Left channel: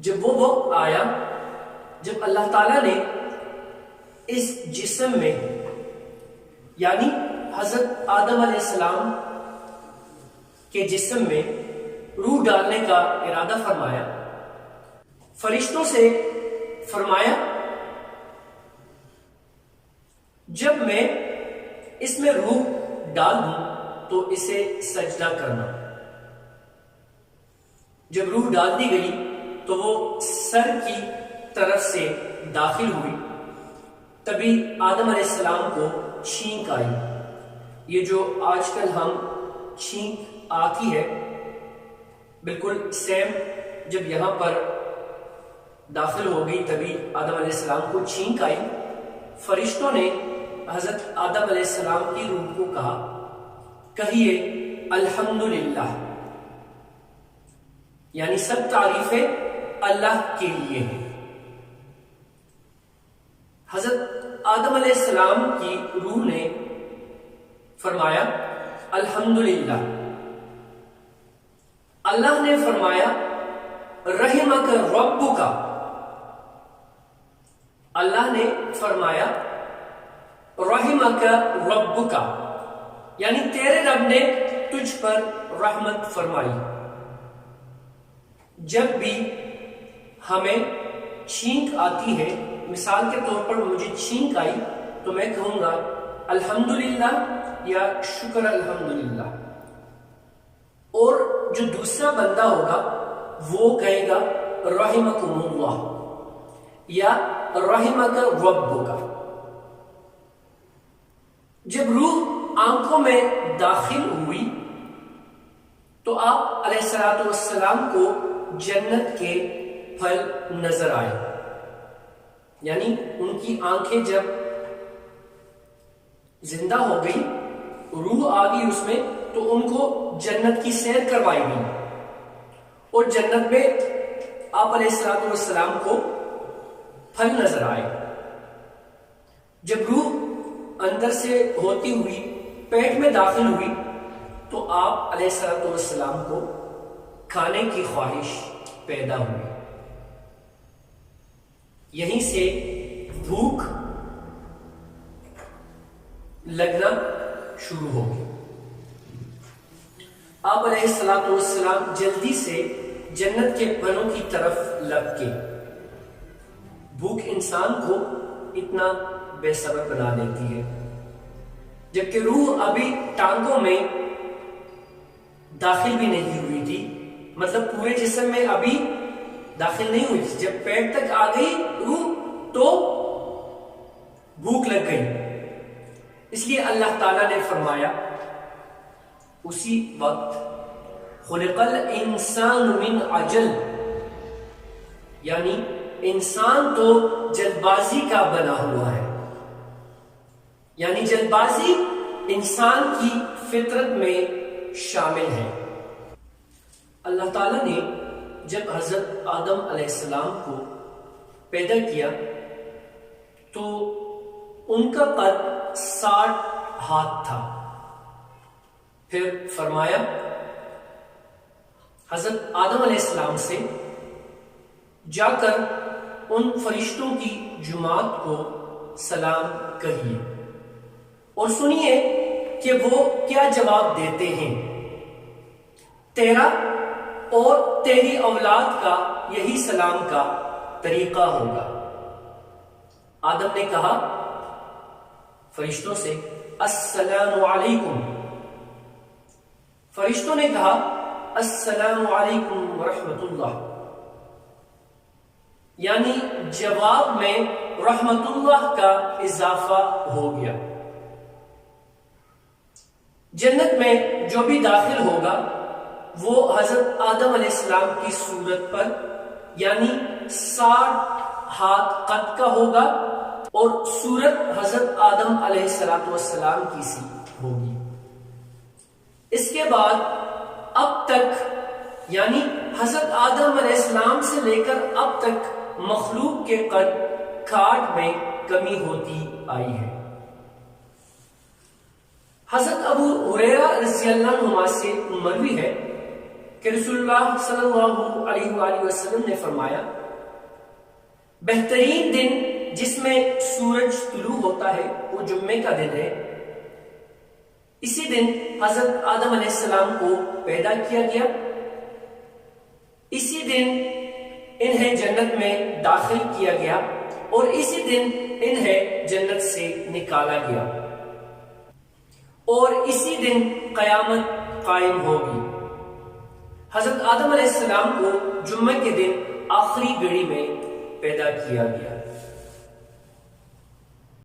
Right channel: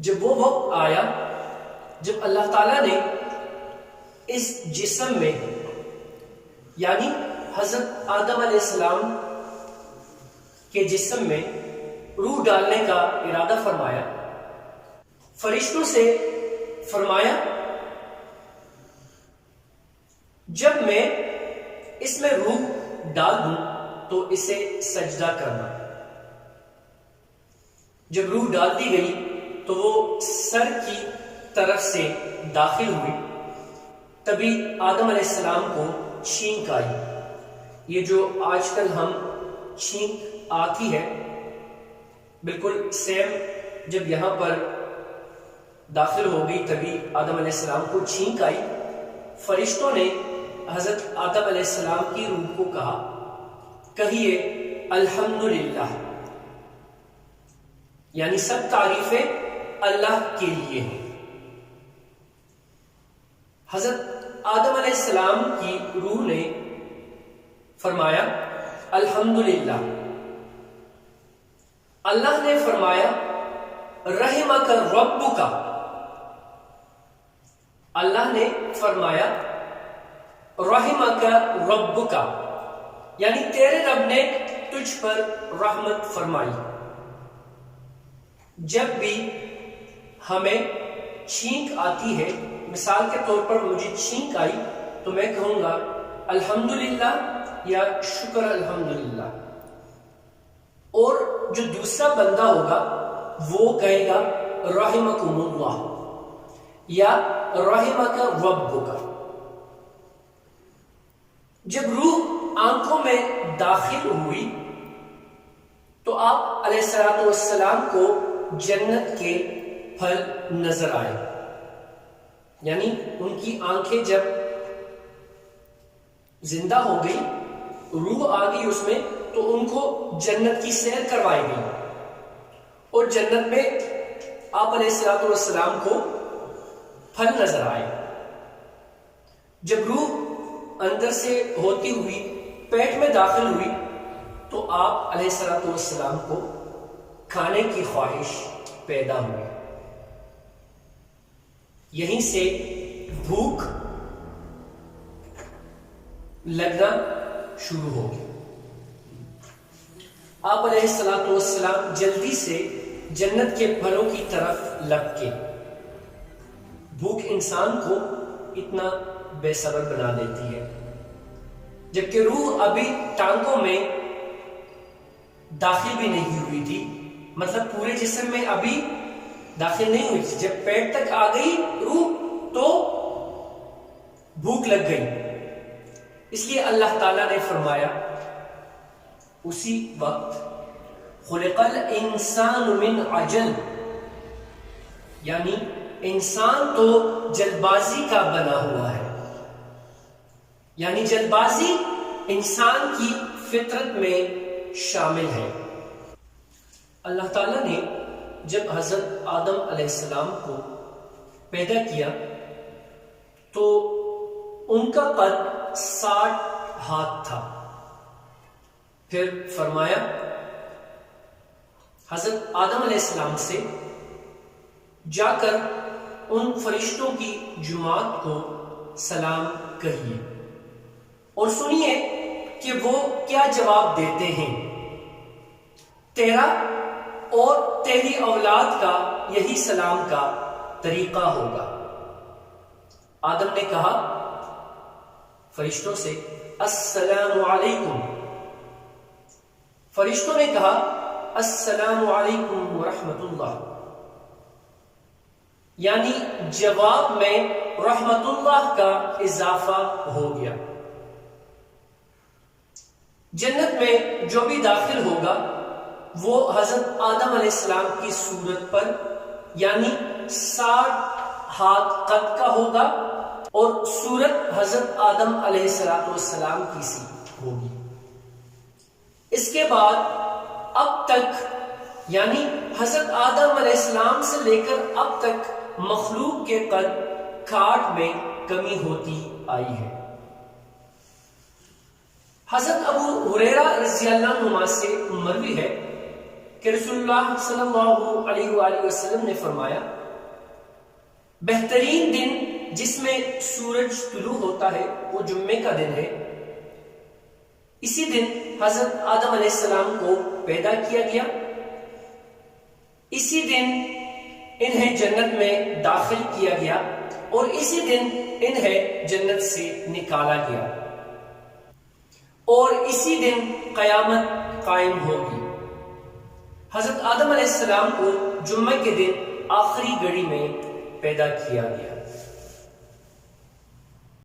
جب وہ وقت آیا جب اللہ تعالیٰ نے اس جسم میں یعنی حضرت آدم علیہ السلام کے جسم میں روح ڈالنے کا ارادہ فرمایا، فرشتوں سے فرمایا جب میں اس میں روح ڈال دوں تو اسے سجدہ کرنا۔ جب روح ڈال دی گئی تو وہ سر کی طرف سے داخل ہوئی، تبھی آدم علیہ السلام کو چھینک آئی۔ یہ جو آج کل ہم چھینک آتی ہے بالکل سیم جب یہاں پر داخل ہو گئی تبھی آدم علیہ السلام کو چھینک آئی۔ فرشتوں نے حضرت آدم علیہ السلام کی روح کو کہا کہیے الحمدللہ، یعنی سب تعریفیں اللہ کے لیے ہیں۔ حضرت آدم علیہ السلام کی روح نے فرمایا الحمدللہ۔ اللہ نے فرمایا رحمک ربک، اللہ نے فرمایا رحمک ربک، یعنی تیرے رب نے تجھ پر رحمت فرمائی۔ جب بھی ہمیں چھینک آتی ہے، مثال کے طور پر مجھے چھینک آئی تو میں کہوں گا الحمدللہ یا شکر الحمدللہ، اور جو دوسرا بندہ ہوگا وہ کہے گا رحمکم اللہ یا رحمک ربک۔ جب روح آنکھوں میں داخل ہوئی تو آپ علیہ الصلوۃ والسلام کو جنت کے پھل نظر آئے، یعنی ان کی آنکھیں جب زندہ ہو گئی، روح آ گئی اس میں، تو ان کو جنت کی سیر کروائی گئی اور جنت میں آپ علیہ الصلوۃ والسلام کو پھل نظر آئے۔ جب روح اندر سے ہوتی ہوئی پیٹ میں داخل ہوئی تو آپ علیہ الصلوۃ والسلام کو کھانے کی خواہش پیدا ہوئی، یہیں سے بھوک لگنا شروع ہو گئی۔ آپ علیہ الصلوۃ والسلام جلدی سے جنت کے پھلوں کی طرف لپکے۔ بھوک انسان کو اتنا بے صبر بنا دیتی ہے، جبکہ روح ابھی ٹانگوں میں داخل بھی نہیں ہوئی تھی، مطلب پورے جسم میں ابھی داخل نہیں ہوئی تھی۔ جب پیٹ تک آ گئی روح تو بھوک لگ گئی، اس لیے اللہ تعالیٰ نے فرمایا اسی وقت خلق الانسان من عجل، یعنی انسان تو جلد بازی کا بنا ہوا ہے، یعنی جلد بازی انسان کی فطرت میں شامل ہے۔ اللہ تعالیٰ نے جب حضرت آدم علیہ السلام کو پیدا کیا تو ان کا قد 60 ہاتھ تھا۔ پھر فرمایا حضرت آدم علیہ السلام سے جا کر ان فرشتوں کی جماعت کو سلام کہیے اور سنیے کہ وہ کیا جواب دیتے ہیں۔ تیرا اور تیری اولاد کا یہی سلام کا طریقہ ہوگا۔ آدم نے کہا فرشتوں سے السلام علیکم، فرشتوں نے کہا السلام علیکم ورحمۃ اللہ، یعنی جواب میں رحمت اللہ کا اضافہ ہو گیا۔ جنت میں جو بھی داخل ہوگا وہ حضرت آدم علیہ السلام کی صورت پر یعنی 60 ہاتھ قد کا ہوگا اور صورت حضرت آدم علیہ السلام کی سی ہوگی۔ اس کے بعد اب تک یعنی حضرت آدم علیہ السلام سے لے کر اب تک مخلوق کے قد کاٹ میں کمی ہوتی آئی ہے۔ حضرت ابو ہریرہ رضی اللہ عنہ سے مروی ہے کہ رسول اللہ صلی اللہ علیہ وآلہ وسلم نے فرمایا بہترین دن جس میں سورج طلوع ہوتا ہے وہ جمعے کا دن ہے. اسی دن حضرت آدم علیہ السلام کو پیدا کیا گیا. اسی دن انہیں جنت میں داخل کیا گیا اور اسی دن انہیں جنت سے نکالا گیا اور اسی دن قیامت قائم ہوگی. حضرت آدم علیہ السلام کو جمعے کے دن آخری گھڑی میں پیدا کیا گیا.